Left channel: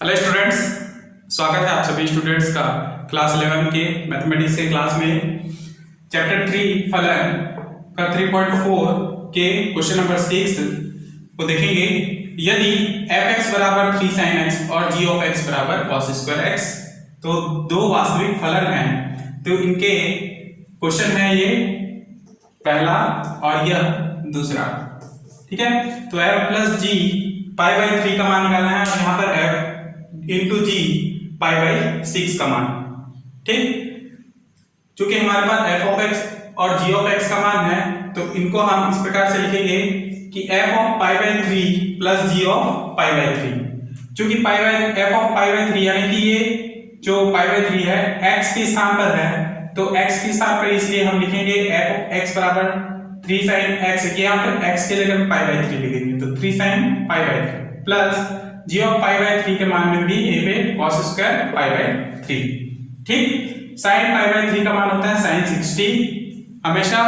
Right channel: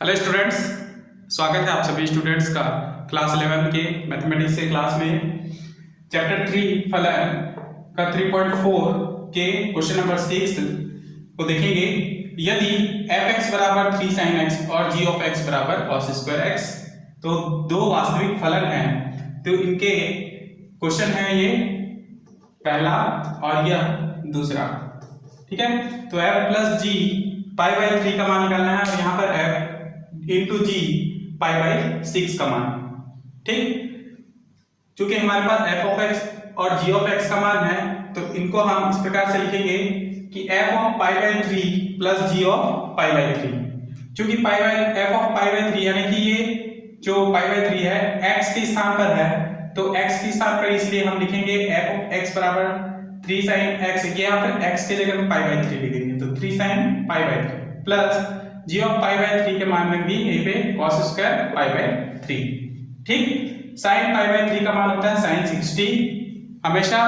Hello students, स्वागत है आप सभी स्टूडेंट्स का क्लास 11 के मैथमेटिक्स के क्लास में। चैप्टर 3 फलन का 3.4 के क्वेश्चन नंबर 6 को देखेंगे। यदि f(x) बराबर 3 sin x और g of x बराबर cos स्क्वायर x, तो दो वास्तविक फलन हैं, तो इनके क्वेश्चन है ये पहला और यह दूसरा। ठीक है, तो f plus g pi by 3 का मान निकालना है और यहाँ पर f into g pi by 6 का मान। ठीक, चूंकि हमारे पास f ऑफ x और g ऑफ x का मान है, तो इनको हम इस प्रकार से लिखेंगे कि f of pi by 3 plus g of pi by 3। चूंकि pi by f of pi by 3 यानी कि ये जो पाई बाई 3 है x के स्थान पर है, तो x के स्थान पर इसलिए हम लिखेंगे f ऑफ x बराबर 3 sin x, यहाँ पर x के जगह पाई बाई 3 लिखेंगे, तो 3 sin pi by 3 plus g of pi by 3 के मान में भी a पे cos स्क्वायर पाई बाई 3। ठीक, sin पाई बाई 3 का मान होता है sin 60, हमेशा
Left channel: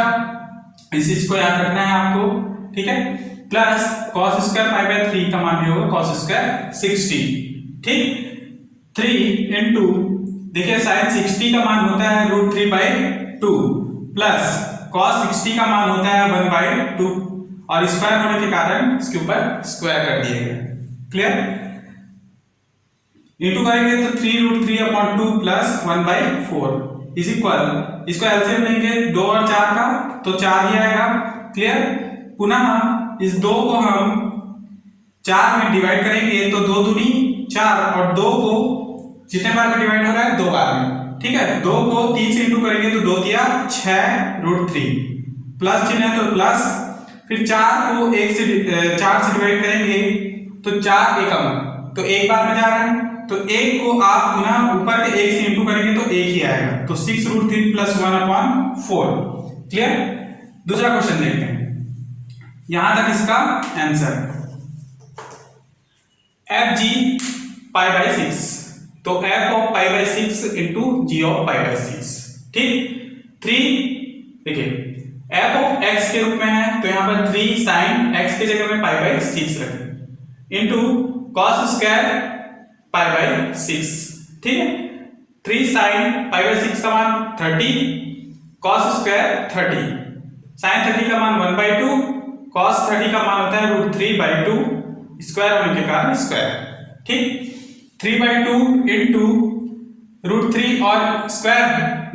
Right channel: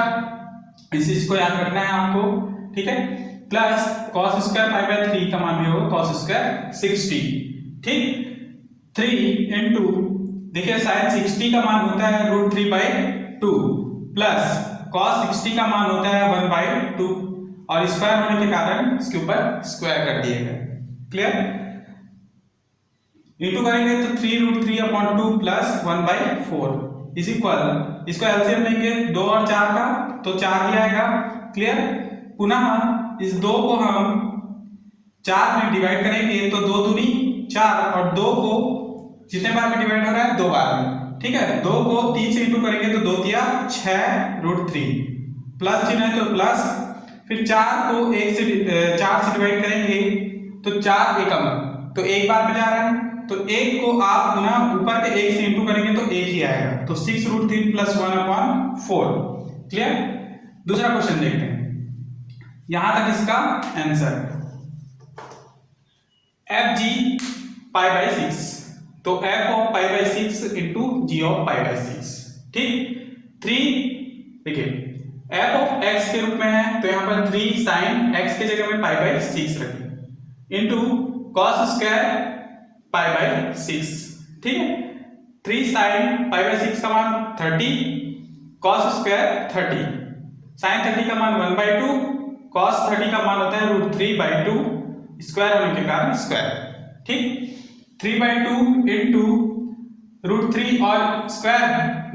इस चीज को याद रखना है आपको। ठीक है, plus cos square pi by 3 का मान भी होगा cos स्क्वायर 60। ठीक, 3 इंटू देखिए sin 60 का मान होता है √3 बाई 2 प्लस cos 60 का मान होता है 1 बाई 2 और स्क्वायर होने के कारण इसके ऊपर स्क्वायर कर दिएगा। क्लियर, इंटू करेंगे तो 3√3/2 प्लस 1 बाई 4 इज इक्वल, इसको एलसीएम लेंगे 2 और 4 का तो 4 ही आएगा। क्लियर, पुनः इस 2 को हम 4 में डिवाइड करेंगे तो 2 दूनी 4 और 2 को जितने बार में डिवाइड हो रहा है 2 बार में। ठीक है, 2 को 3 से इंटू करेंगे तो 2 दिया 6√3 प्लस चिन्ह है तो प्लस, फिर 4 को 4 से डिवाइड करेंगे तो 4 एकम, तो एक बार में जा रहा है, तो एक को आप पुनः ऊपर के एक से इंटू करेंगे तो एक ही आएगा, तो 6√3 प्लस 1/4। क्लियर, दूसरा क्वेश्चन देखते हैं, यहां तक इसका answer f g pi by 6, तो f of pi by 6 into g of pi by 6। ठीक, 3 देखिए f ऑफ x के रूप में है, तो यहाँ पर 3 sin x के जगह में पाई बाई 6 रखें into cos square pi by 6। ठीक है, 3 sin पाई बाई 6 का मान 30, cos स्क्वायर 30, sin 30 का मान 1 बाई 2, cos 30 का मान होता है √3 बाई 2, स्क्वायर होने के कारण स्क्वायर। ठीक, 3 बाई 2 इंटू √3 और स्क्वायर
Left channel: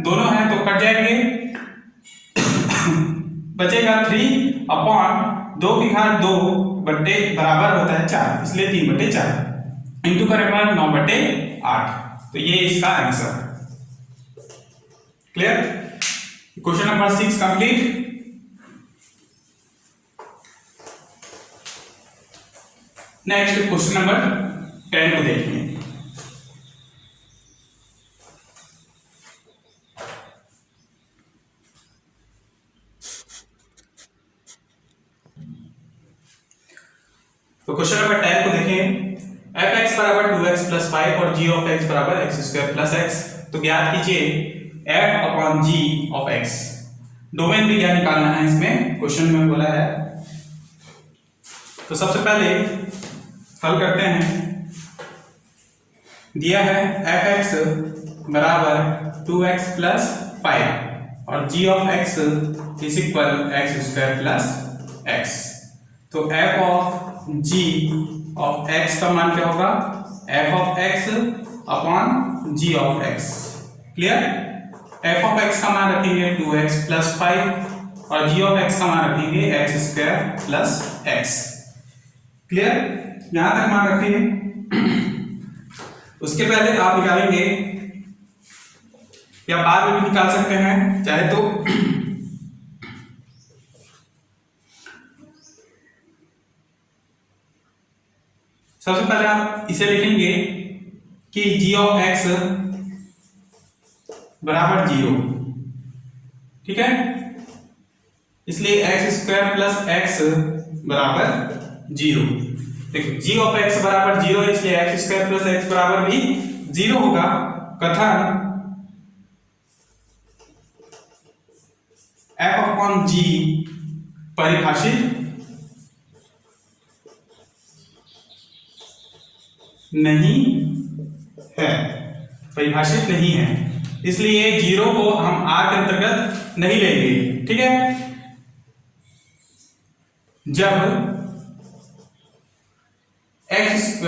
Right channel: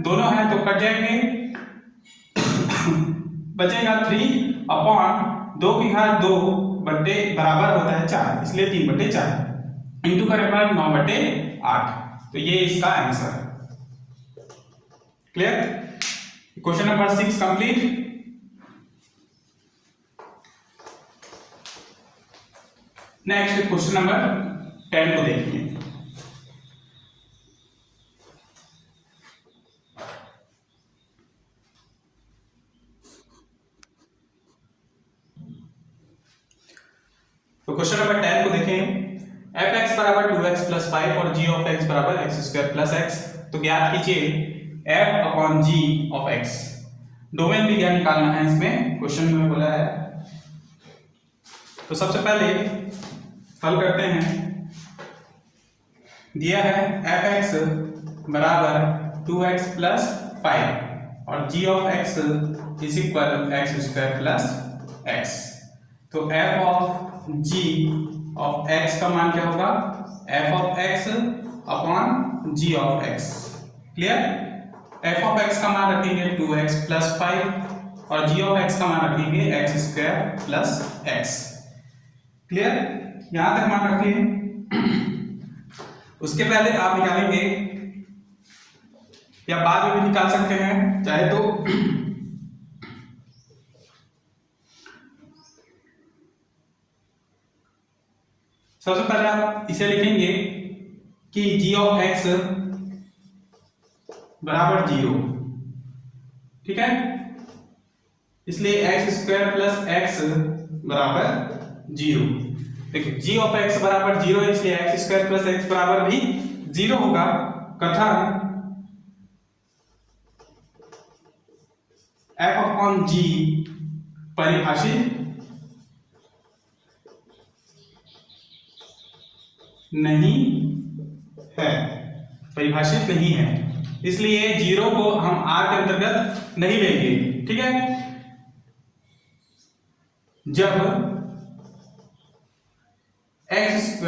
दोनों हैं तो कट जाएंगे, बचेगा 3/2 की घात 2 बट्टे बराबर होता है 4, इसलिए 3/4 इंटू करेंगे 9/8, तो ये इसका आंसर है। Clear, question number 6 complete. Next question number 10 को देखिए। तो क्वेश्चन नंबर 10 को देखें, f(x) बराबर 2x प्लस 5 और g ऑफ x बराबर x स्क्वायर प्लस x, तो ज्ञात कीजिए f upon g of x। Domain भी क्या निकालना है इसमें क्वेश्चन में बोला है, तो सबसे पहले हल करते हैं। दिया है f(x) बराबर 2x प्लस 5 और g of x is equal x square plus x, तो f of g of x का मान क्या होगा, f of x upon g of x। Clear, f of x का मान रखेंगे 2x प्लस 5 और g ऑफ x का मान रखेंगे x square plus x। Clear, यहां तक मान रखिए। उसके पहले आप निकालेंगे या बाद में भी निकाल सकते हैं चाहे तो, सबसे पहले आप इसे लिखेंगे कि g ऑफ x बराबर 0। ठीक है, इसलिए x स्क्वायर प्लस x बराबर 0। देखिए g ऑफ x बराबर 0, इसलिए x स्क्वायर प्लस x बराबर भी 0 होगा। कथन f अपॉन g परिभाषित नहीं है, परिभाषित नहीं है, इसलिए 0 को हम r के अंतर्गत नहीं लेंगे। ठीक है, जब x²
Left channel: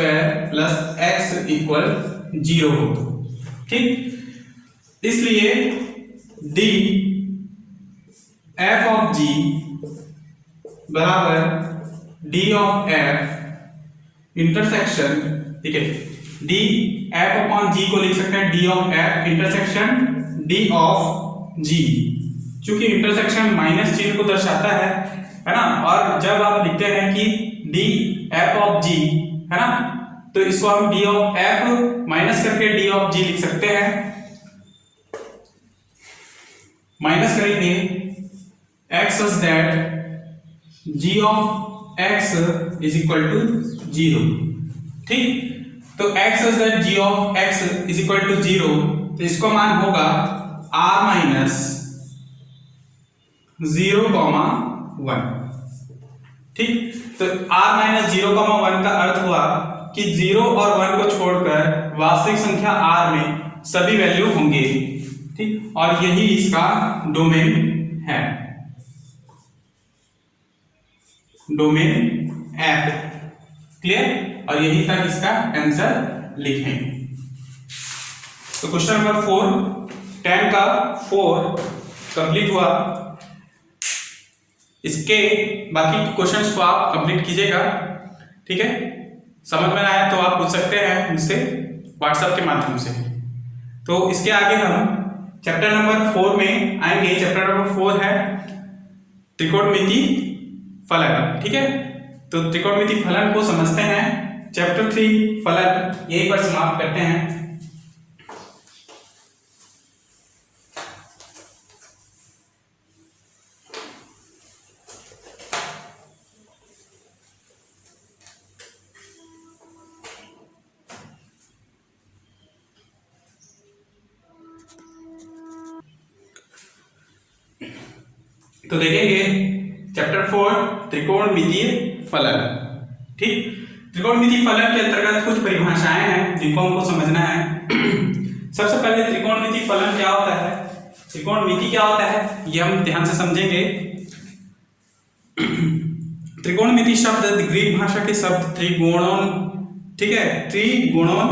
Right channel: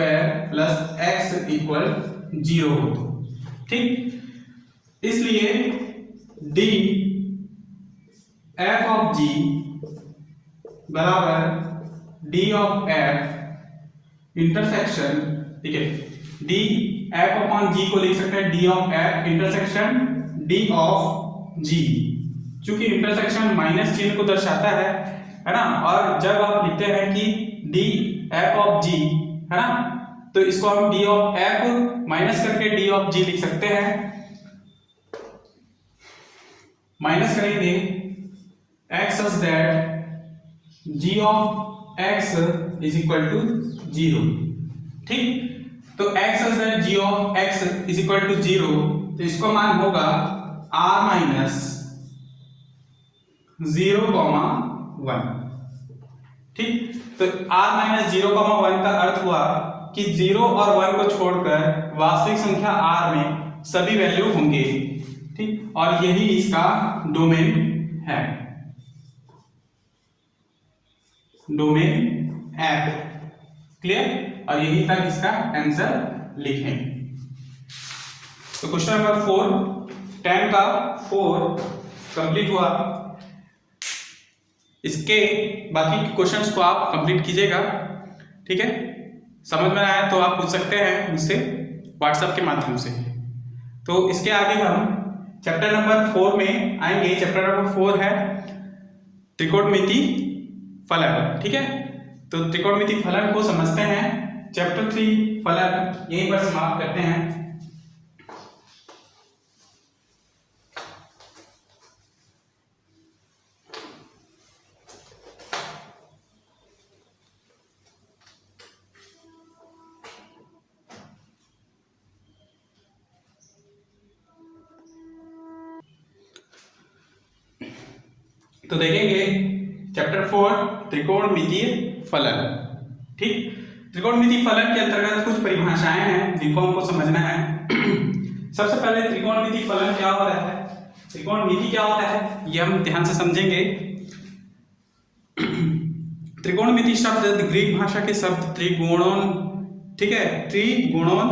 + x = 0 हो तो। ठीक, इसलिए d f(g) बराबर d of f इंटरसेक्शन, ठीक है, d f/g को लिख सकते हैं d of f intersection d of g, क्योंकि इंटरसेक्शन माइनस चिन्ह को दर्शाता है ना। और जब आप लिखते हैं कि d f(g) है ना, तो इसको हम d of f माइनस करके d of g लिख सकते हैं। माइनस करेंगे x such that g of x = 0। ठीक, तो x such that g of x = 0, तो इसको मान होगा r - 0,1। ठीक, तो r - 0,1 का अर्थ हुआ कि 0 और 1 को छोड़कर वास्तविक संख्या r में सभी वैल्यू होंगे। ठीक, और यही इसका डोमेन है, डोमेन f। क्लियर, और यही तक इसका आंसर लिखें। तो क्वेश्चन नंबर 4 10 का 4 कंप्लीट हुआ। इसके बाकी क्वेश्चंस को आप कंप्लीट कीजिएगा। ठीक है, समझ में आया तो आप पूछ सकते हैं मुझसे व्हाट्सएप के माध्यम से। तो इसके आगे हम चैप्टर नंबर 4 में आएंगे। चैप्टर नंबर 4 है त्रिकोणमिति फलन। ठीक है, तो त्रिकोणमिति फलन को समझते हैं। चैप्टर 3 फलन यहीं पर समाप्त करते हैं। तो देखेंगे चैप्टर 4 त्रिकोणमितीय फलन। ठीक, त्रिकोणमितीय फलन के अंतर्गत कुछ परिभाषाएं हैं जिनको हमको समझना है। सबसे पहले त्रिकोणमितीय फलन क्या होता है, त्रिकोणमिति क्या होता है, ये हम ध्यान से समझेंगे। त्रिकोणमिति शब्द ग्रीक भाषा के शब्द त्रिगोणोन, ठीक है, त्रिगुणोन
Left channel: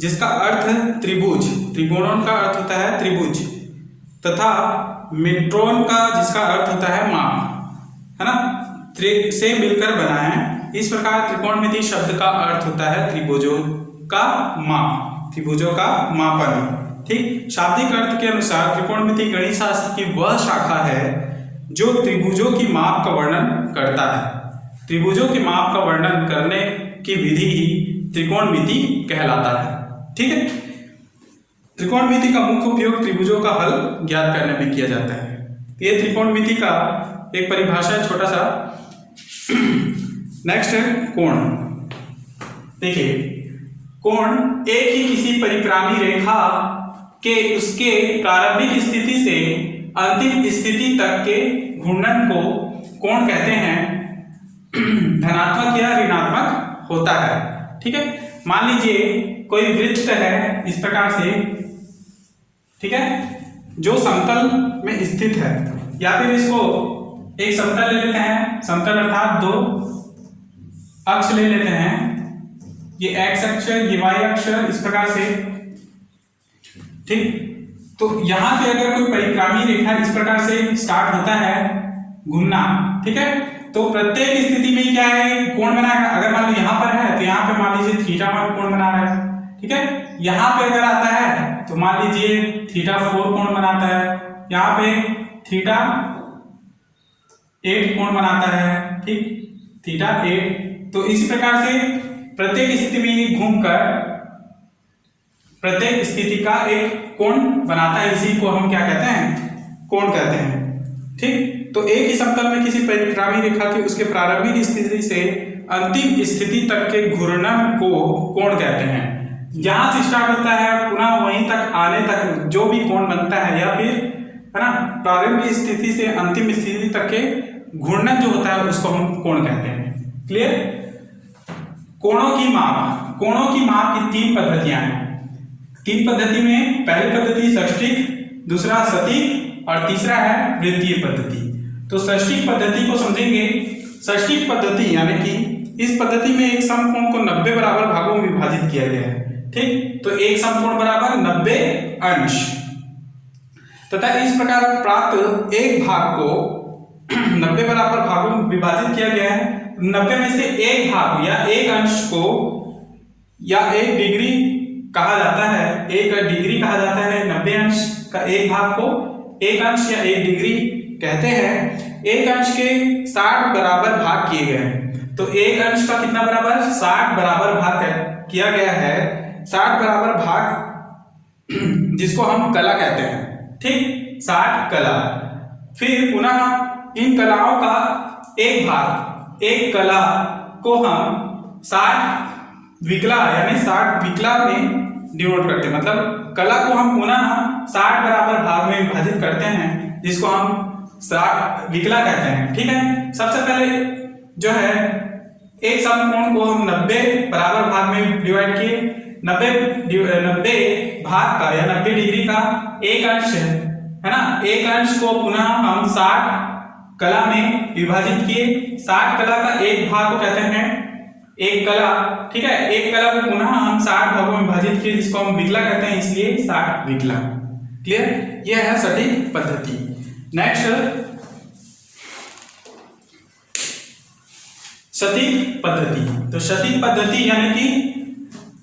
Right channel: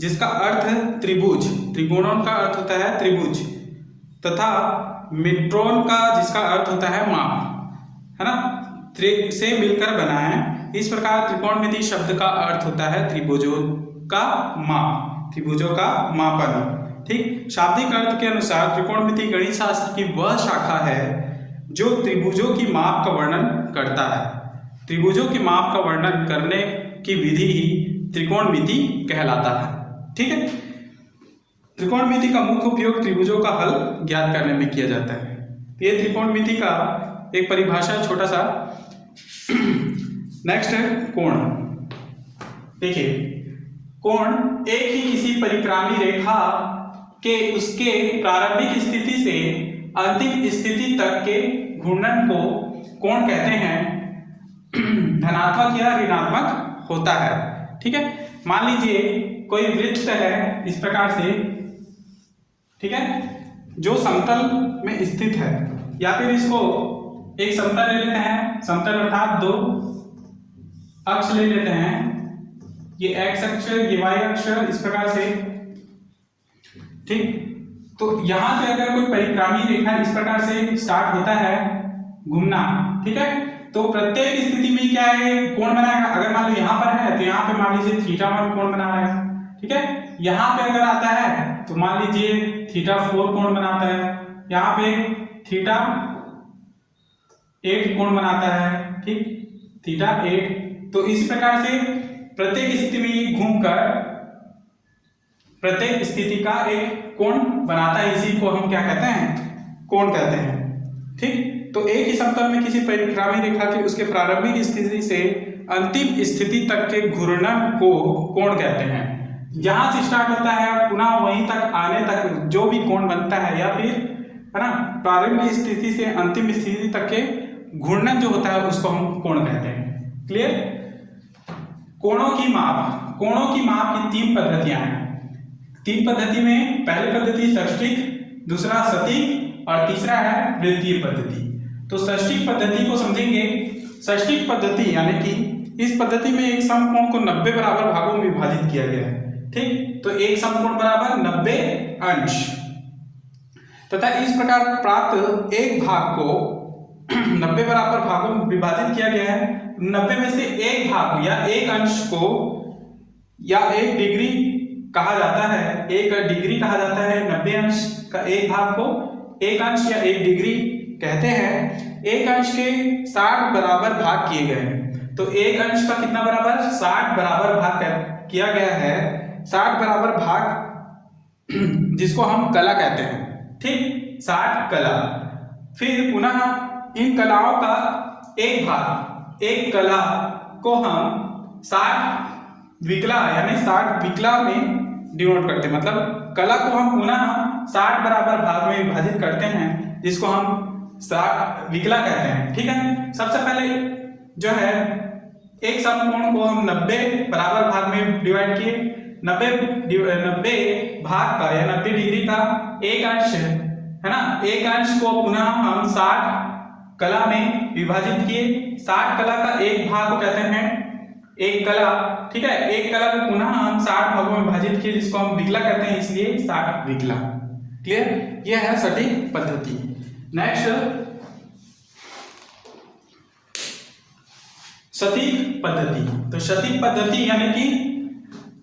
जिसका अर्थ त्रिभुज, त्रिगुणोन का अर्थ होता है त्रिभुज, तथा मेट्रोन का जिसका अर्थ होता है माप, है ना, से मिलकर बना है। इस प्रकार त्रिकोणमिति शब्द का अर्थ होता है त्रिभुजों का माप, त्रिभुजों का मापन। ठीक, शाब्दिक अर्थ के अनुसार त्रिकोणमिति गणित शास्त्र की वह शाखा है जो त्रिभुजों की माप का वर्णन करता है। त्रिभुजों के माप का वर्णन करने की विधि ही त्रिकोणमिति कहलाता है। ठीक है, त्रिकोणमिति का मुख्य उपयोग त्रिभुजों का हल ज्ञात करने में किया जाता है। ये त्रिकोणमिति का एक परिभाषा छोटा सा। नेक्स्ट है कोण। देखिए, कोण एक ही किसी परिक्रामी रेखा के उसके प्रारंभिक स्थिति से अंतिम स्थिति तक के घूर्णन को कोण कहते हैं। धनात्मक या ऋणात्मक होता है। ठीक है, मान लीजिए कोई वृत्त है इस प्रकार से, ठीक है, जो समतल में स्थित है, या फिर इसको एक समतल ले लेते हैं, समतल अर्थात दो अक्ष ले लेते हैं, ये x अक्ष, ये y अक्ष, इस प्रकार से। ठीक, तो यहां पे अगर कोई परिक्रामी रेखा इस प्रकार से स्टार्ट होता है घूमना, ठीक है, तो प्रत्येक स्थिति में क्या है, कोण बनाएगा। अगर मान लो यहाँ पर है तो यहाँ पे मान लीजिए θ1 कोण बना रहा है। ठीक है, यहाँ पे अगर आता है तो मान लीजिए θ4 कोण बनाता है, यहाँ पे θ8 कोण बनाता है। ठीक, θ8। तो इस प्रकार से प्रत्येक स्थिति में घूमकर प्रत्येक स्थिति का एक कोण बनाता है। इसी को हम क्या कहते हैं, कोण कहते हैं। ठीक, तो एक ही समतल में किसी परिक्रामी रेखा के उसके प्रारंभिक स्थिति से अंतिम स्थिति तक के घूर्णन को कोण कहते हैं। जहां से स्टार्ट होता है पुनः वहीं तक आने तक जो भी कोण बनता है, या फिर है ना, प्रारंभिक स्थिति से अंतिम स्थिति तक के घूर्णन जो होता है उसको हम कोण कहते हैं। क्लियर। कोणों की माप की तीन पद्धतियां हैं। तीन पद्धति में पहली पद्धति षष्टिक, दूसरा सटीक और तीसरा है वृत्तीय पद्धति। तो षष्टिक पद्धति को समझेंगे। षष्टिक पद्धति यानी कि इस पद्धति में एक समकोण को 90 बराबर भागों में विभाजित किया गया है। ठीक, तो एक समकोण बराबर 90 अंश तथा इस प्रकार प्राप्त एक भाग को 90 बराबर भागों में विभाजित किया गया है। 90 में से एक भाग या एक अंश को या एक डिग्री कहा जाता है। एक डिग्री कहा जाता है 90 अंश का एक भाग को एक अंश या एक डिग्री कहते हैं। एक अंश के 60 बराबर भाग किए गए हैं। तो एक अंश का कितना बराबर 60 बराबर भाग किया गया है। 60 बराबर भाग जिसको हम कला कहते हैं। ठीक, 60 कला। फिर पुनः इन कलाओं का एक भाग, एक कला को हम 60 विकला यानी 60 विकला में डिवाइड करते हैं। मतलब कला को हम पुनः 60 बराबर भाग में विभाजित करते हैं, जिसको हम 60 विकला कहते हैं। ठीक है, सबसे पहले जो है एक समकोण को हम 90 बराबर भाग में डिवाइड किए। 90 भाग का या 90 डिग्री का एक अंश है ना। एक अंश को पुनः हम 60 कला में विभाजित किए। 60 कला का एक भाग को कहते हैं एक कला। ठीक है, एक कला को पुनः हम 60 भागों में विभाजित किए, जिसको हम विकला कहते हैं, इसलिए 60 विकला। क्लियर, यह है सटीक पद्धति। नेक्स्ट सटीक पद्धति। तो सटीक पद्धति यानी कि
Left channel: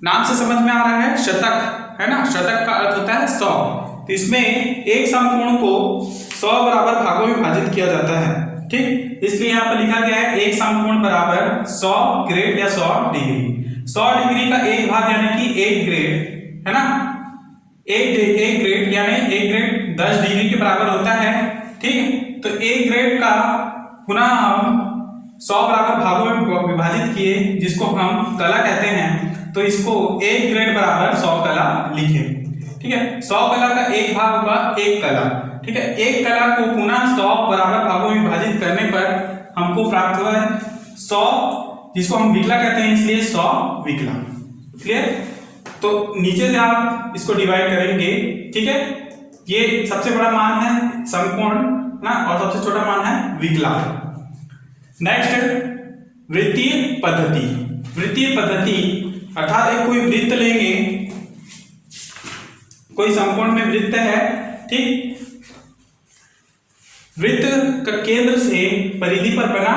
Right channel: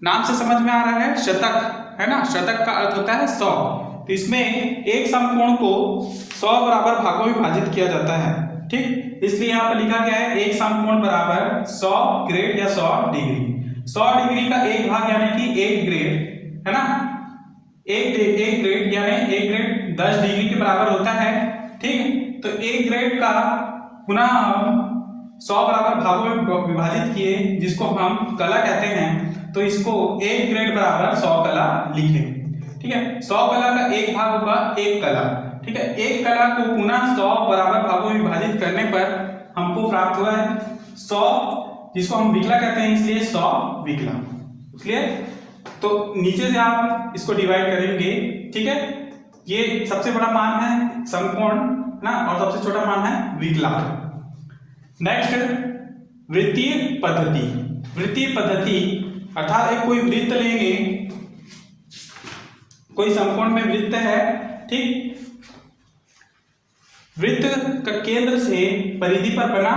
नाम से समझ में आ रहा है शतक, है ना। शतक का अर्थ होता है 100। तो इसमें एक समकोण को 100 बराबर भागों में विभाजित किया जाता है। ठीक, इसलिए यहाँ पर लिखा गया है एक समकोण बराबर 100 ग्रेड या 100 डिग्री। 100 डिग्री का एक भाग यानी कि एक ग्रेड, है ना। एक ग्रेड यानी एक ग्रेड 10 डिग्री के बराबर होता है। ठीक, तो एक ग्रेड का पुनः हम 100 बराबर भागों में विभाजित किए, जिसको हम कला कहते हैं। तो इसको एक ग्रेड बराबर 100 कला लिखे। ठीक है, 100 कला का एक भाग होगा एक कला। ठीक है, एक कला को पुनः 100 बराबर भागों में विभाजित करने पर हमको प्राप्त हुआ है 100, जिसको हम विकला कहते हैं, इसलिए 100 विकला। क्लियर, तो नीचे से आप इसको डिवाइड करेंगे। ठीक है, ये सबसे बड़ा मान है समकोण ना, और सबसे छोटा मान है विकला। नेक्स्ट वृत्तीय पद्धति। वृत्तीय पद्धति अर्थात एक कोई वृत्त लेंगे, कोई समकोण में वृत्त है। ठीक, वृत्त का केंद्र से परिधि पर बना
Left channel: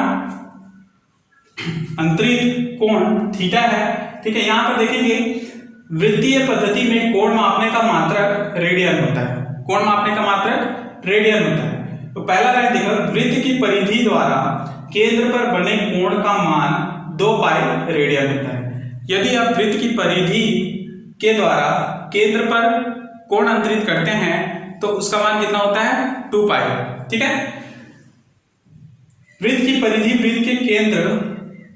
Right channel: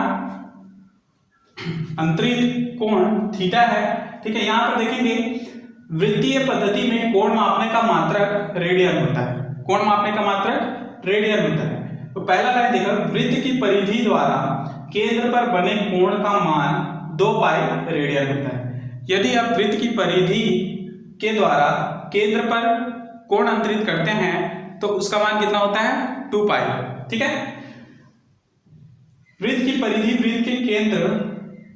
अंतरित कोण थीटा है। ठीक है, यहां पर देखेंगे वृत्तीय पद्धति में कोण मापने का मात्रक रेडियन होता है। कोण मापने का मात्रक रेडियन होता है। तो पहला लाइन देखो, वृत्त की परिधि द्वारा केंद्र पर बने कोण का मान 2 पाई रेडियन होता है। यदि आप वृत्त की परिधि के द्वारा केंद्र पर कोण अंतरित करते हैं तो उसका मान कितना होता है 2 पाई। ठीक है, वृत्त की परिधि वृत्त के केंद्र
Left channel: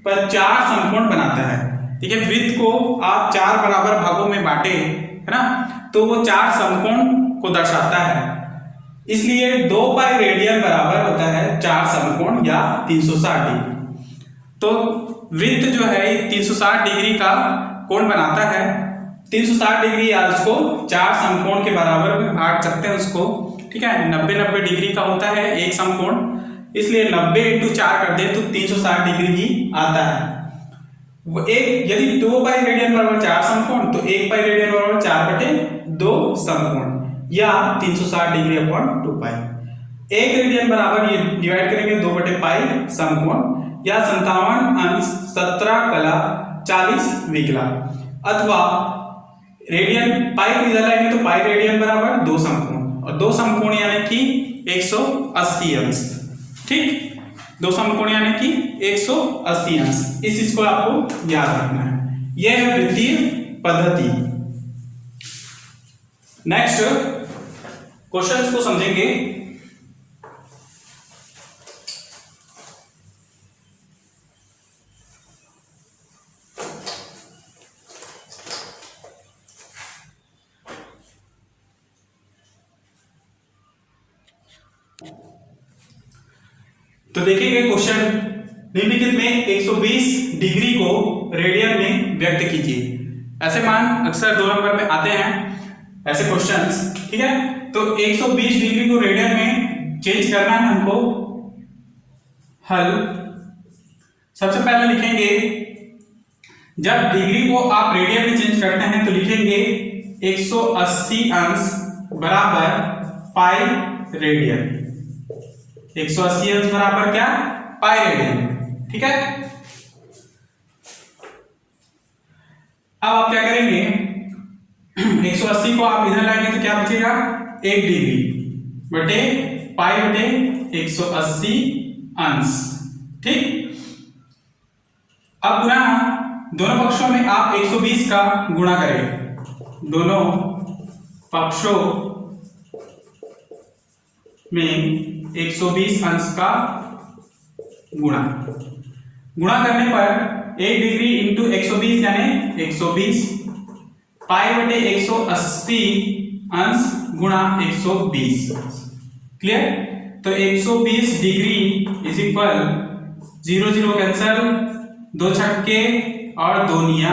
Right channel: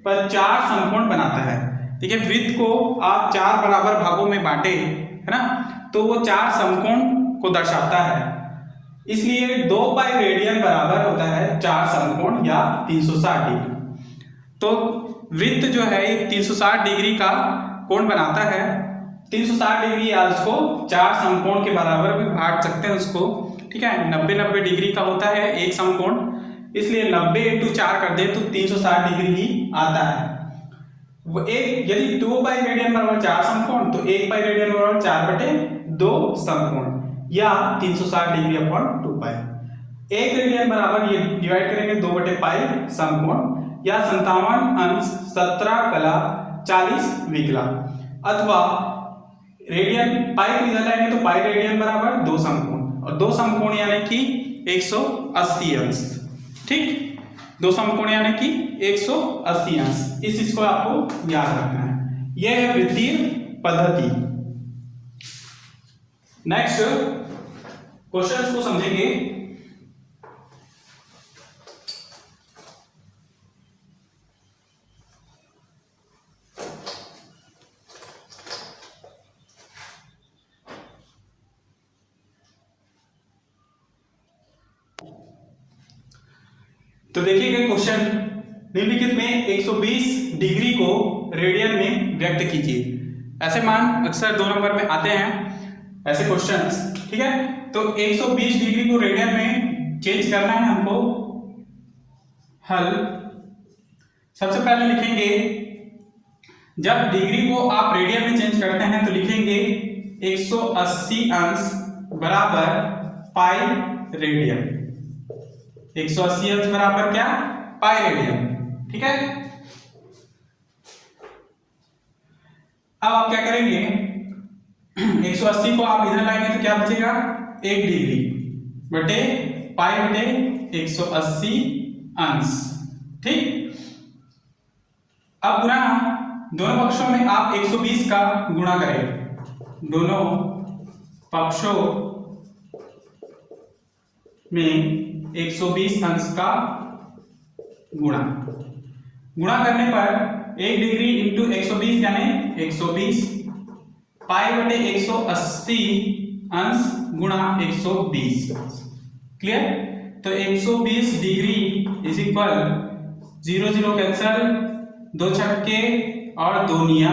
पर 4 समकोण बनाता है। ठीक है, वृत्त को आप 4 बराबर भागों में बांटे, है ना, तो वो 4 समकोण को दर्शाता है। इसलिए 2 पाई रेडियन बराबर होता है 4 समकोण या 360 डिग्री। तो वृत्त जो है 360 डिग्री का कोण बनाता है। 360 डिग्री या उसको 4 समकोण के बराबर में बांट सकते हैं उसको। ठीक है, 90 डिग्री का होता है एक समकोण, इसलिए 90 × 4 कर दे तो 360 डिग्री ही आता है। वो एक यदि 2 पाई रेडियन बराबर 4 समकोण, तो 1 पाई रेडियन बराबर 4/2 समकोण या 360 डिग्री अपॉन 2 पाई। 1 रेडियन बराबर ये डिवाइड करेंगे 2/पाई समकोण या 57 अंश 17 कला 40 विकला। अथवा रेडियन पाई को इधर लाएंगे तो पाई रेडियन बराबर 2 समकोण, और 2 समकोण यानी कि 180 अंश। ठीक, 2 समकोण यानी कि 180 अंश। इस चीज को आपको याद रखना है। यह है वृत्तीय पद्धति। नेक्स्ट क्वेश्चन को समझेंगे। तो देखेंगे क्वेश्चन, निम्नलिखित में 120 डिग्री को रेडियन में व्यक्त कीजिए। ऐसे मान अक्सर 2 नंबर में आते हैं ऐसे क्वेश्चंस, ठीक है। तो 120 डिग्री को रेडियन में चेंज करना है हमको। हल सबसे पहले लिखेंगे, जब डिग्री को आप रेडियन में चेंज करते हैं तो लिखेंगे 180 अंश बराबर पाई रेडियन। 180 अंश बराबर क्या? पाई रेडियन, ठीक है। अब आप क्या करेंगे, 180 को आप इधर लाएंगे तो क्या बचेगा? 1 डिग्री बटे पाई बटे 180 अंश, ठीक। अब गुणा, दोनों पक्षों में आप 120 का गुणा करें, दोनों पक्षों में 120 अंश का गुणा करने पर 1 डिग्री इंटू 120 यानी 120 पाई बटे 180 अंश गुणा 120, क्लियर। तो 120 डिग्री इज इक्वल 0 0 कैंसल, 2 छक्के और 2 निया,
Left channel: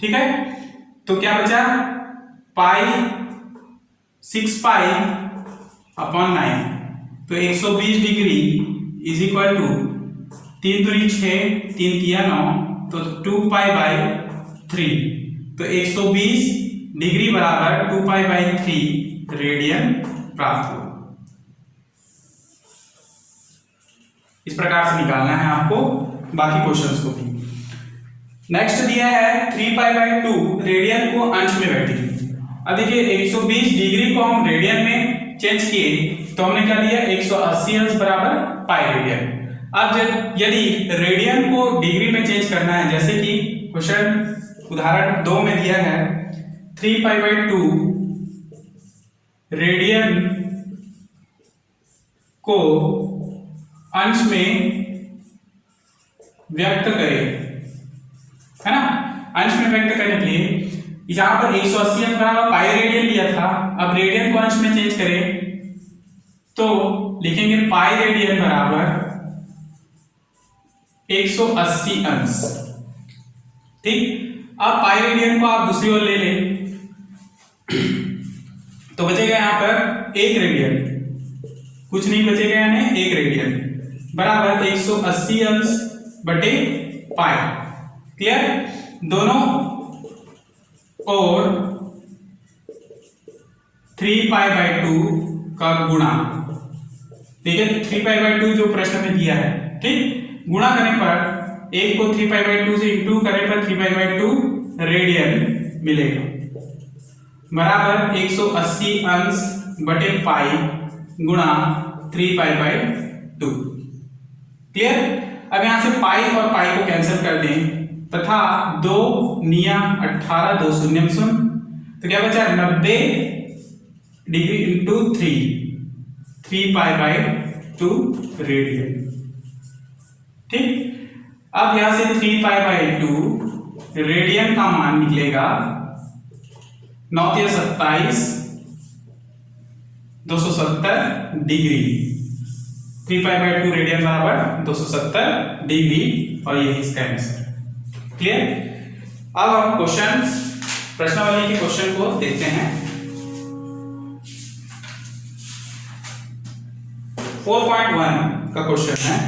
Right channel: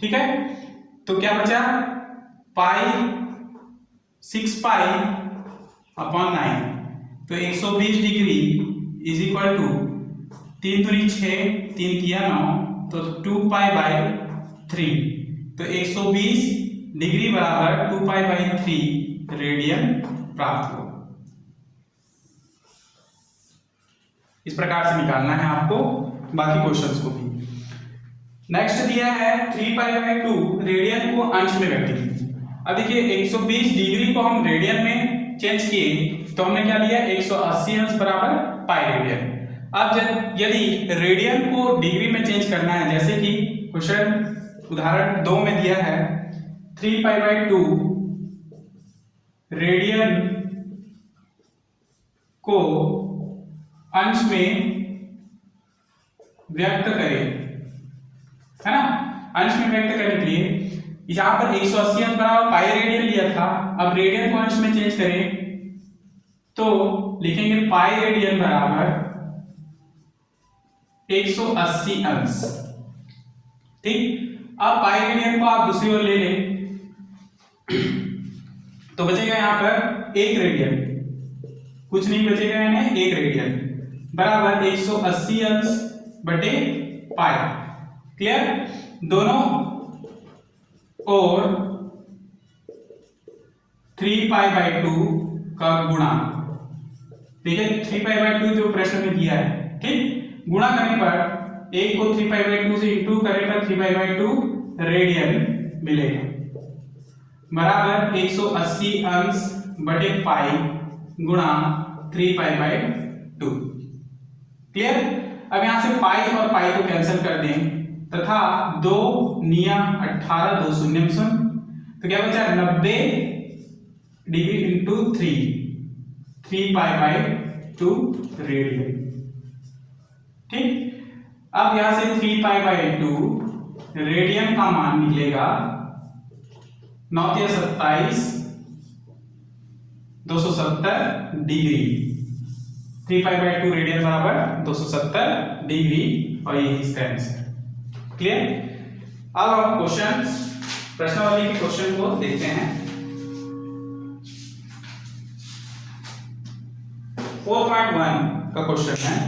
ठीक है। तो क्या बचा? पाई 6 पाई अपॉन 9। तो 120 डिग्री इज इक्वल टू 3 दूनी 6, 3 तिया 9, तो 2 पाई बाई 3। तो 120 डिग्री बराबर 2 पाई बाई 3 रेडियन प्राप्त हुआ। इस प्रकार से निकालना है आपको बाकी क्वेश्चंस को भी। नेक्स्ट दिया है 3 पाई बाई 2 रेडियन को अंश में व्यक्त कीजिए। अब देखिए 120 डिग्री को हम रेडियन में चेंज किए तो हमने क्या लिया? 180 अंश बराबर पाई रेडियन। अब जब यदि रेडियन को डिग्री में चेंज करना है, जैसे कि क्वेश्चन उदाहरण 2 में दिया है 3 पाई बाई 2 रेडियन को अंश में व्यक्त करें, है ना। अंश में व्यक्त करने के लिए यहां पर 180 अंश बराबर पाई रेडियन लिया था, अब रेडियन को अंश में चेंज करें तो लिखेंगे पाई रेडियन बराबर 180 अंश, ठीक। अब पाई रेडियन को आप दूसरी ओर ले लें तो बचेगा यहां पर 1 रेडियन, कुछ नहीं बचेगा, यानी 1 रेडियन बराबर 180 अंश बटे पाई, क्लियर। दोनों और 3 पाई बाई 2 का गुणा, ठीक है। 3 पाई बाई 2 जो प्रश्न में दिया है, ठीक। गुणा करने पर 1 को 3 पाई बाई 2 से इंटू करने पर 3 पाई बाई 2 रेडियन मिलेगा बराबर 180 अंश बटे पाई गुणा 3 पाई बाई 2, क्लियर। अब यहां से पाई और पाई को कैंसिल कर दें तथा 2 निया 18, 2 शून्य शून्य, तो क्या बचा? 90 degree into 3 pi by 2 radian, ठीक। अब यहां से 3 पाई बाई 2 रेडियन का मान निकलेगा 9 × 27 270 डिग्री। 3 पाई बाई 2 रेडियन बराबर 270 डिग्री और यही इसका आंसर, क्लियर। अब हम प्रश्नावली के क्वेश्चन को देखते हैं। 4.1 का क्वेश्चन है,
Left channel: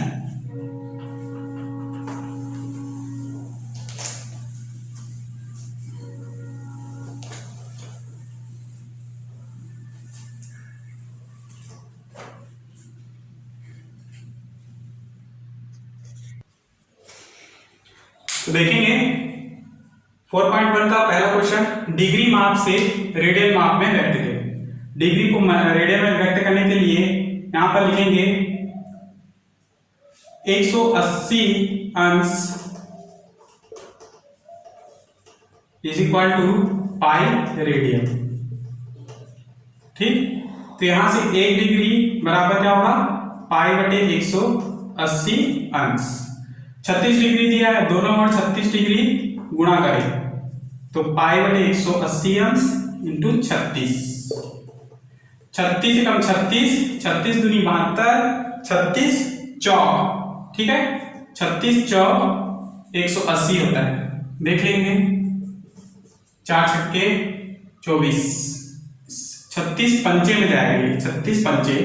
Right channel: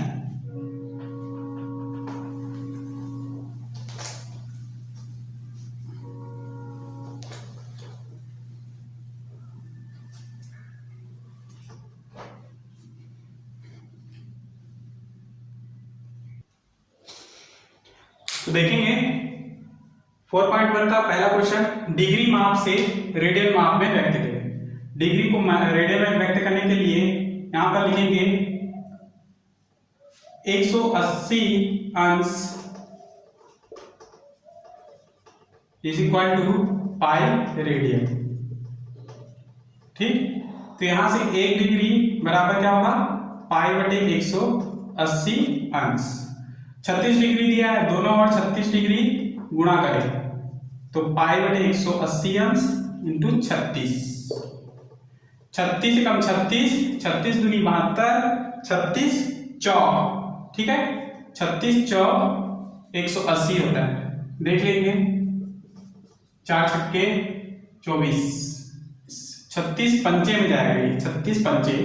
तो देखेंगे 4.1 का पहला क्वेश्चन, डिग्री माप से रेडियन माप में व्यक्त करें। डिग्री को रेडियन में व्यक्त करने के लिए यहां पर लिखेंगे 180 अंश is equal to pi radian, ठीक। तो यहां से 1 डिग्री बराबर क्या होगा? पाई बटे 180 अंश। 36 डिग्री दिया है, दोनों ओर 36 डिग्री गुणा करें तो पाई बटे 180 अंश इंटू 36। 36 से कम 36, 36 दूनी 72, 36 चौक, ठीक है। 36 चौक 180 होता है। देख लेंगे, 4 छक्के 24, 36 पंचे में जाएगा ये, 36 पंचे,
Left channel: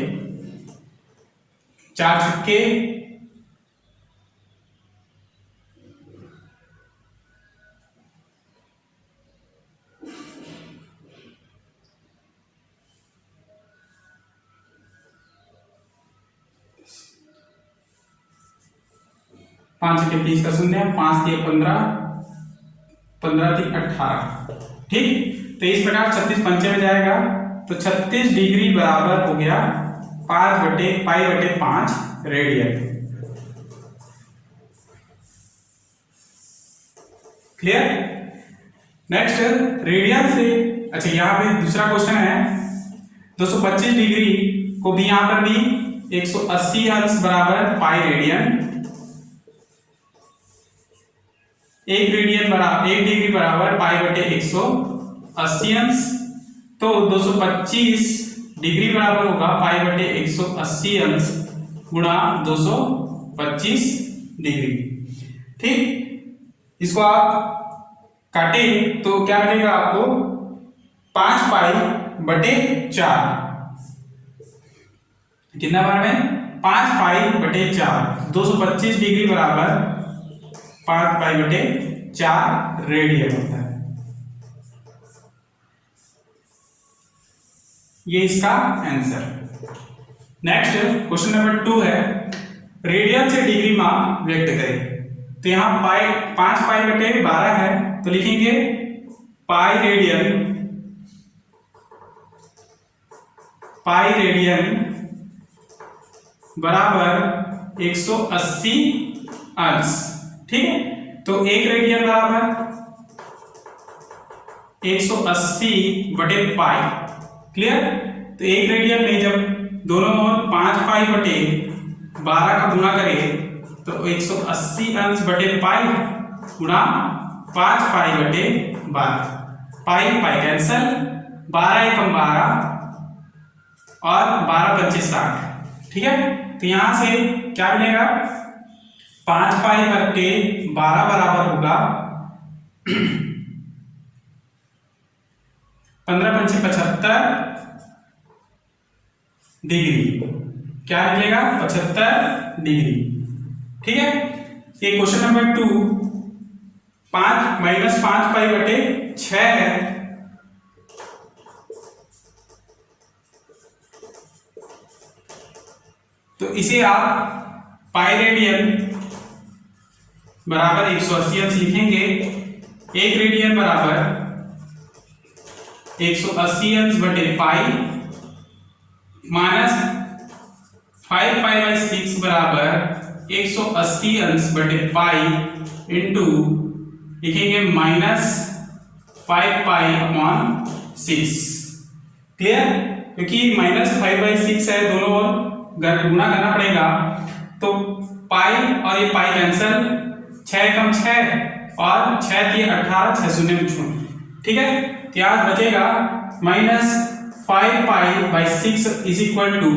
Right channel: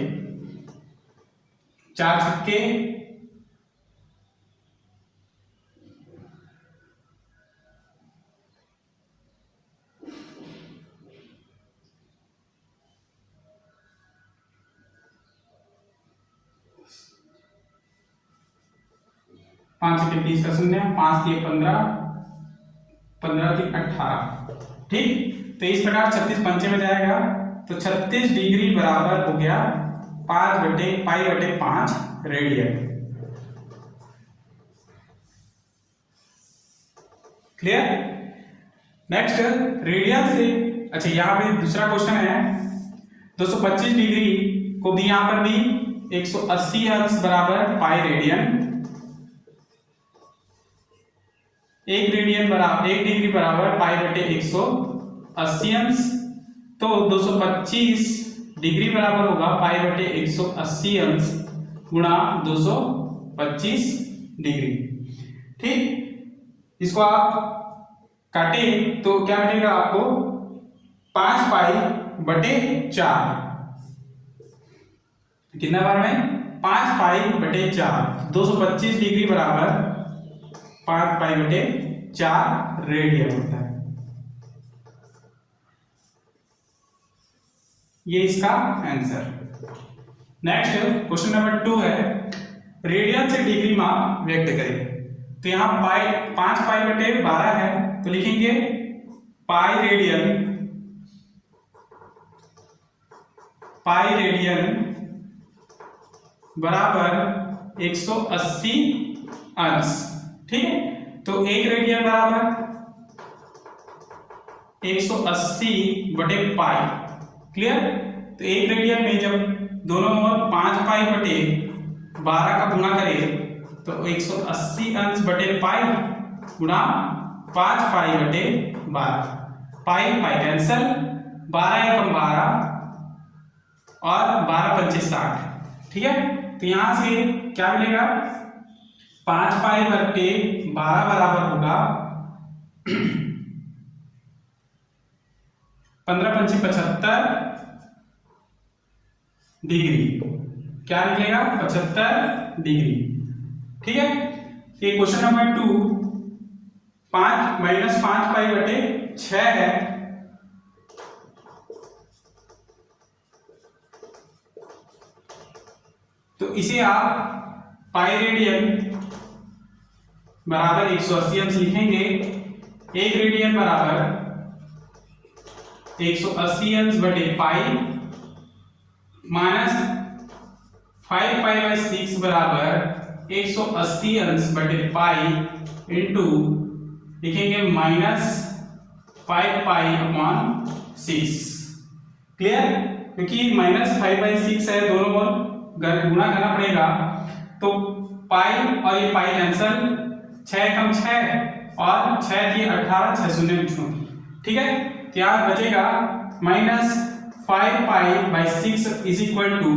4 छक्के 5 छक्के 30 का शून्य, 5 दिए 15, 15 दिए 18। ठीक, तो इस प्रकार 36 पंचे में जाएगा, तो 36 डिग्री बराबर हो गया 5/5 रेडियन। क्लियर। नेक्स्ट रेडियन से, अच्छा यहाँ पे दूसरा क्वेश्चन है, 225 डिग्री को भी यहाँ पर भी 180 अंश बराबर पाई रेडियन, 1 डिग्री बराबर पाई/180 अंश, तो 225 डिग्री बराबर होगा पाई/180 अंश गुणा 225 डिग्री। ठीक, इसको आप काटें तो क्या मिलेगा आपको, 5π/4, कितना बार में 5π/4, 225 डिग्री बराबर 5π/4 रेडियन होता है। ये इसका आंसर। नेक्स्ट क्वेश्चन नंबर 2 है, रेडियन से डिग्री मान व्यक्त करें। तो यहाँ 5π/12 है, तो लिखेंगे पाई रेडियन बराबर 180 अंश। ठीक है, तो 1 रेडियन बराबर 180/पाई। क्लियर, तो 1 रेडियन में जब दोनों ओर 5π/12 का गुणा करें तो 180 अंश बटे पाई गुणा 5π/12, पाई पाई कैंसल, 12 एकम 12 और 12 पंचे 60। ठीक है, तो यहां से क्या मिलेगा, 5π/12 बराबर होगा 15 पंचे 75 डिग्री। क्या मिलेगा, 75 डिग्री। ठीक है, ये क्वेश्चन नंबर 2 5-5π/6 है, तो इसे आप पाई रेडियन बराबर 180 अंश लिखेंगे। 1 रेडियन बराबर 180 अंश बटे पाई माइनस 5π/6 बराबर 180 अंश बटे पाई इंटू लिखेंगे -5π/6। क्लियर, क्योंकि -5/6 है, दोनों ओर गुणा करना पड़ेगा, तो पाई और ये पाई कैंसल, 6 एकम 6 और 6 दिए 18, 6 शून्य में छूट। ठीक है, तो यहाँ बचेगा -5π/6 इज इक्वल टू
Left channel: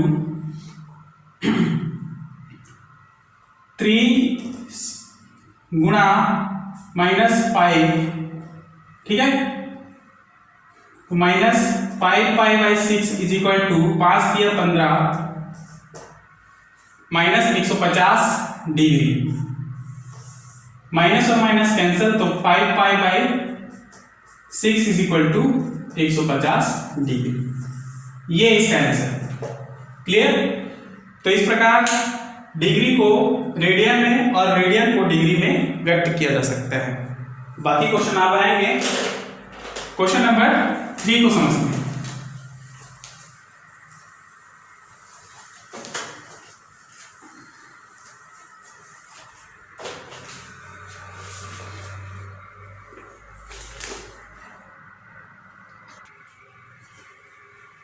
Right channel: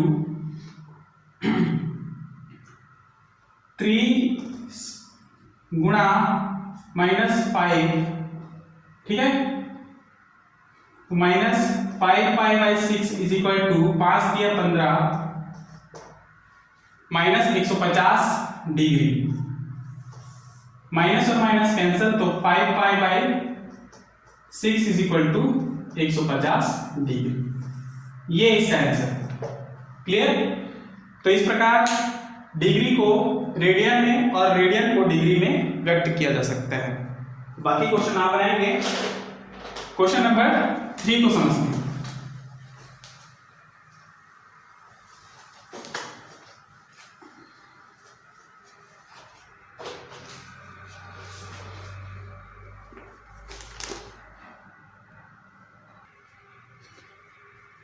3 गुणा -5। ठीक है, तो -5π/6 इज इक्वल टू 5 दिया 15 -150 डिग्री, माइनस और माइनस कैंसिल, तो 5π/6 इज इक्वल टू 150 डिग्री। ये इसका आंसर। क्लियर, तो इस प्रकार डिग्री को रेडियन में और रेडियन को डिग्री में व्यक्त किया जा सकता है। बाकी क्वेश्चन आप आएंगे क्वेश्चन नंबर 3 को समझते हैं।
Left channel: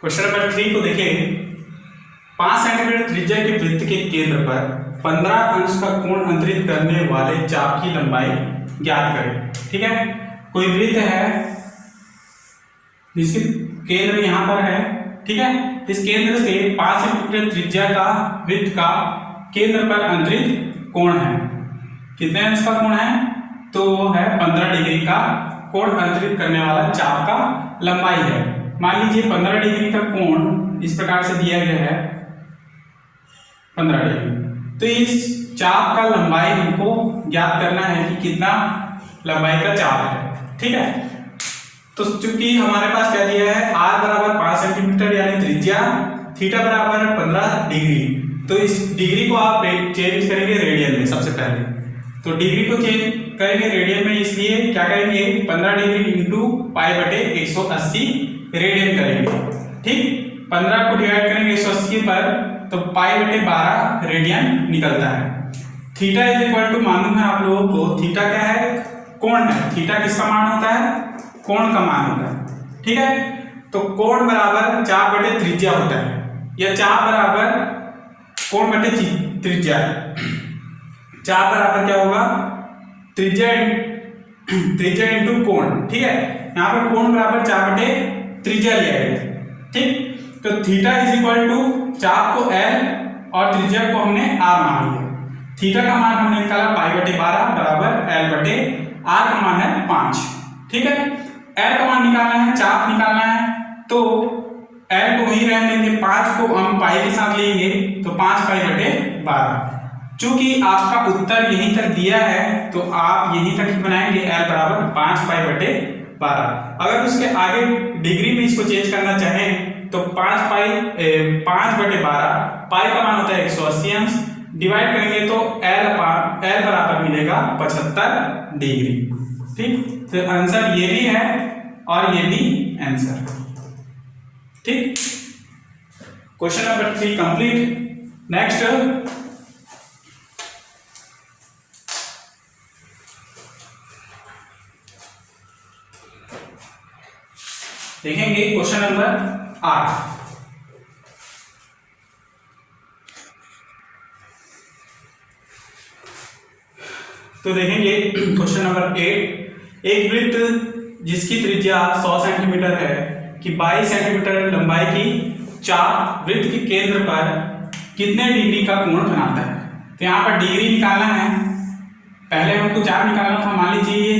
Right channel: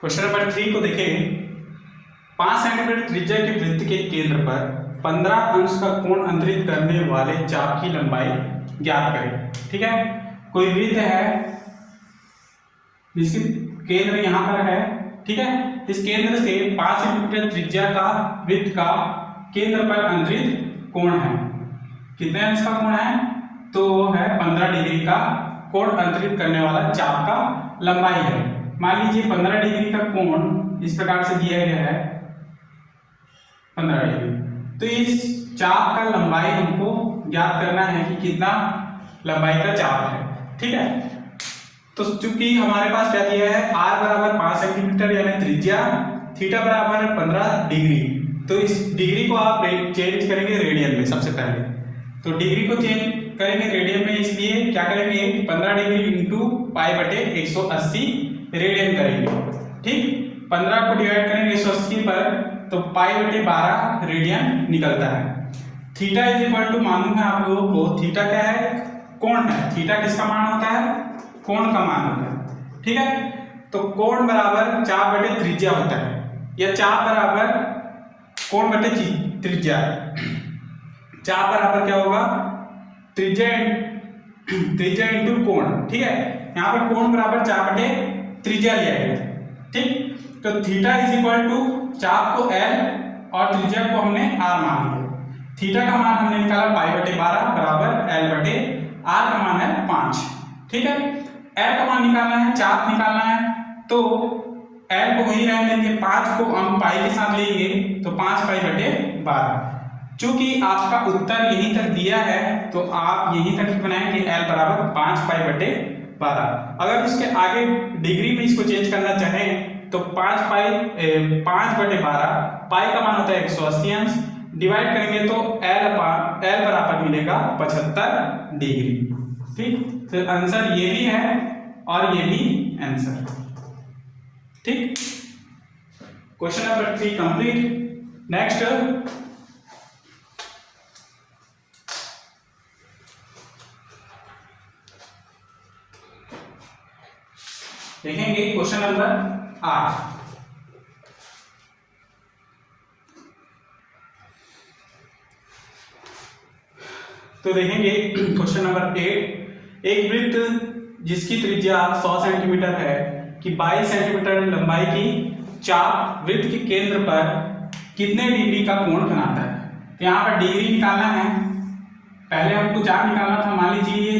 क्वेश्चन नंबर 3 को देखें। 5 सेंटीमीटर त्रिज्या के वृत्त के केंद्र पर 15 अंश का कोण अंतरित करने वाले चाप की लंबाई ज्ञात करें। ठीक है, कोई वृत्त है जिसकी केंद्र यहां पर है। ठीक है, इस केंद्र से 5 सेंटीमीटर त्रिज्या का वृत्त का केंद्र पर अंतरित कोण है। कितने अंश का कोण है, तो वो है 15 डिग्री का कोण अंतरित करने वाला चाप का लंबाई है। मान लीजिए 15 डिग्री का कोण इस प्रकार से दिया गया है 15 डिग्री। तो इस चाप का लंबाई हमको ज्ञात करना है कि कितना लंबाई का चाप है। ठीक है, तो चूंकि हमारे पास क्या दिया है, r बराबर 5 सेंटीमीटर यानी त्रिज्या, थीटा बराबर 15 डिग्री। तो इस डिग्री को आप चेंज करेंगे रेडियन में सबसे पहले। तो डिग्री को चेंज करेंगे रेडियन में, इसलिए क्या करेंगे 15 डिग्री इंटू पाई बटे 180 रेडियन करेंगे। ठीक, 15 को डिवाइड करेंगे 180 पर तो पाई बटे 12 रेडियन निकलता है। थीटा इज इक्वल टू, मालूम है आप लोगों को थीटा क्या है, कोण है। थीटा किसका मान होता है, कोण का मान होता है। ठीक है, तो कोण बराबर चाप बटे त्रिज्या होता है, या चाप बराबर कोण बटे त्रिज्या। चाप बराबर क्या होगा, त्रिज्या इंटू कोण। ठीक है, यहाँ पर कोण बराबर चाप बटे त्रिज्या लिया गया। ठीक, तो थीटा इज इक्वल टू चाप को L और त्रिज्या को हमने R मान लिया। थीटा का मान हमने निकाला पाई बटे 12 बराबर L बटे R का मान है 5। ठीक है, L का मान निकालना है, चाप निकालना है, तो L को वही रहने देंगे, 5 को हम पाई के साथ लेंगे तो 5 पाई बटे 12। चूंकि आपका उत्तर यहीं तक दिया है तो आप यहीं तक ही बनाएंगे, L बराबर 5 पाई बटे 12। अगर उसके आगे डिग्री में इसको चेंज करना चाहें तो 5 बटे 12, पाई का मान होता है 180 अंश, डिवाइड करेंगे तो L बराबर मिलेगा 75 डिग्री। ठीक, तो आंसर ये भी है और ये भी आंसर। ठीक, क्वेश्चन नंबर 3 कंप्लीट। नेक्स्ट देखेंगे क्वेश्चन नंबर 8। तो देखेंगे क्वेश्चन नंबर 8। एक वृत्त जिसकी त्रिज्या 100 सेंटीमीटर है कि 22 सेंटीमीटर लंबाई की चाप वृत्त के केंद्र पर कितने डिग्री का कोण बनाता है। तो यहाँ पर डिग्री निकालना है, पहले हमको चाप निकालना था। मान लीजिए ये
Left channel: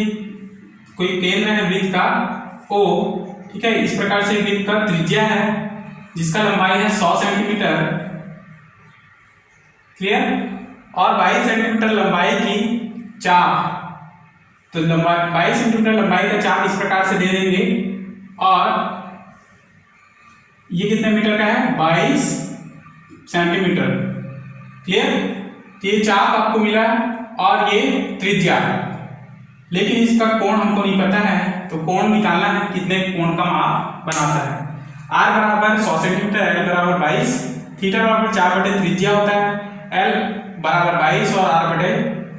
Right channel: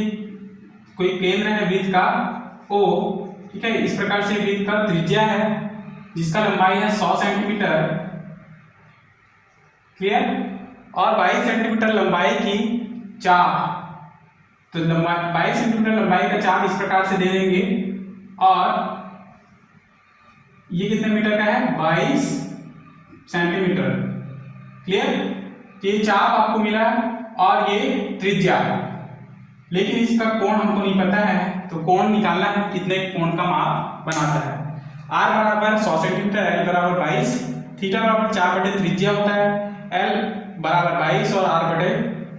कोई केंद्र है वृत्त का O। ठीक है, इस प्रकार से वृत्त का त्रिज्या है जिसका लंबाई है 100 सेंटीमीटर। क्लियर, और 22 सेंटीमीटर लंबाई की चाप, तो लंबाई 22 सेंटीमीटर लंबाई का चाप इस प्रकार से दे देंगे, और ये कितने मीटर का है, 22 सेंटीमीटर। क्लियर, ये चाप आपको मिला और ये त्रिज्या, लेकिन इसका कोण हमको नहीं पता है, तो कोण निकालना है कितने कोण का माप बनाता है। R बराबर 100 सेंटीमीटर, L बराबर 22, थीटा बराबर 4 बटे त्रिज्या होता है, L बराबर 22 और R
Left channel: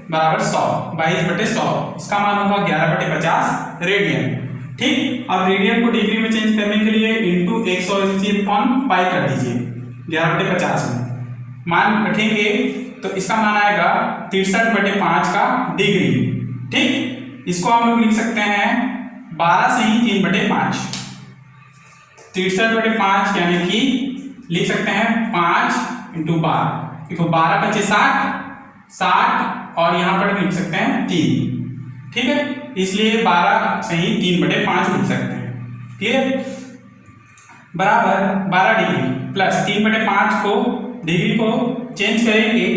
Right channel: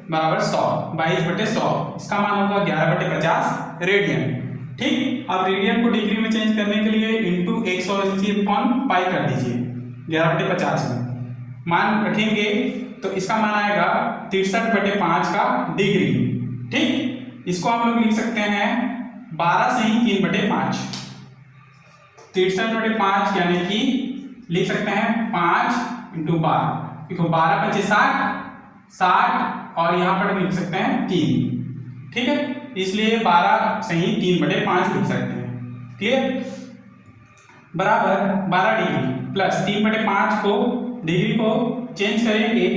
बराबर 100, 22 बटे 100, इसका मान होगा 11 बटे 50 रेडियन। ठीक, अब रेडियन को डिग्री में चेंज करने के लिए इंटू 180 अपॉन पाई कर दीजिए 11 बटे 50 में मान रखेंगे तो इसका मान आएगा 63 बटे 5 का डिग्री। ठीक, इसको हम लोग लिख सकते हैं 12 से ही 3 बटे 5, 63 बटे 5 यानी कि लिख सकते हैं 5 इंटू 12। देखो 12 × 5 = 60 और यहाँ पर लिख सकते हैं 3। ठीक है, इसलिए 12 से ही 3 बटे 5 लिख सकते हैं। क्लियर, बराबर 12 डिग्री प्लस 3 बटे 5 को डिग्री को चेंज करेंगे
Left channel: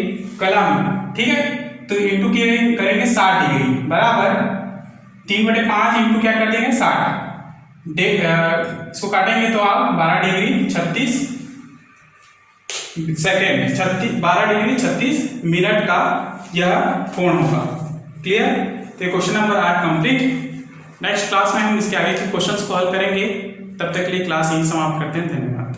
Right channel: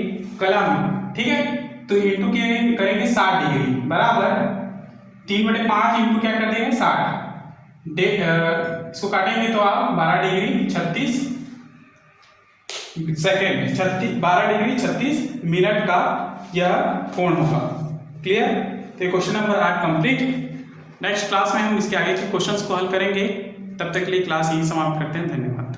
कलम में। ठीक है, तो इंटू करेंगे 60 डिग्री बराबर 3 बटे 5 इंटू क्या कर देंगे 60। इसको काटेंगे तो आप 12 डिग्री 36 सेकेंड, 12 डिग्री 36 मिनट का यह कोण होगा। क्लियर, तो question number 8 complete. Next class में हम इसके आगे के क्वेश्चंस को हल करेंगे। तब तक के लिए क्लास यही समाप्त करते हैं। धन्यवाद।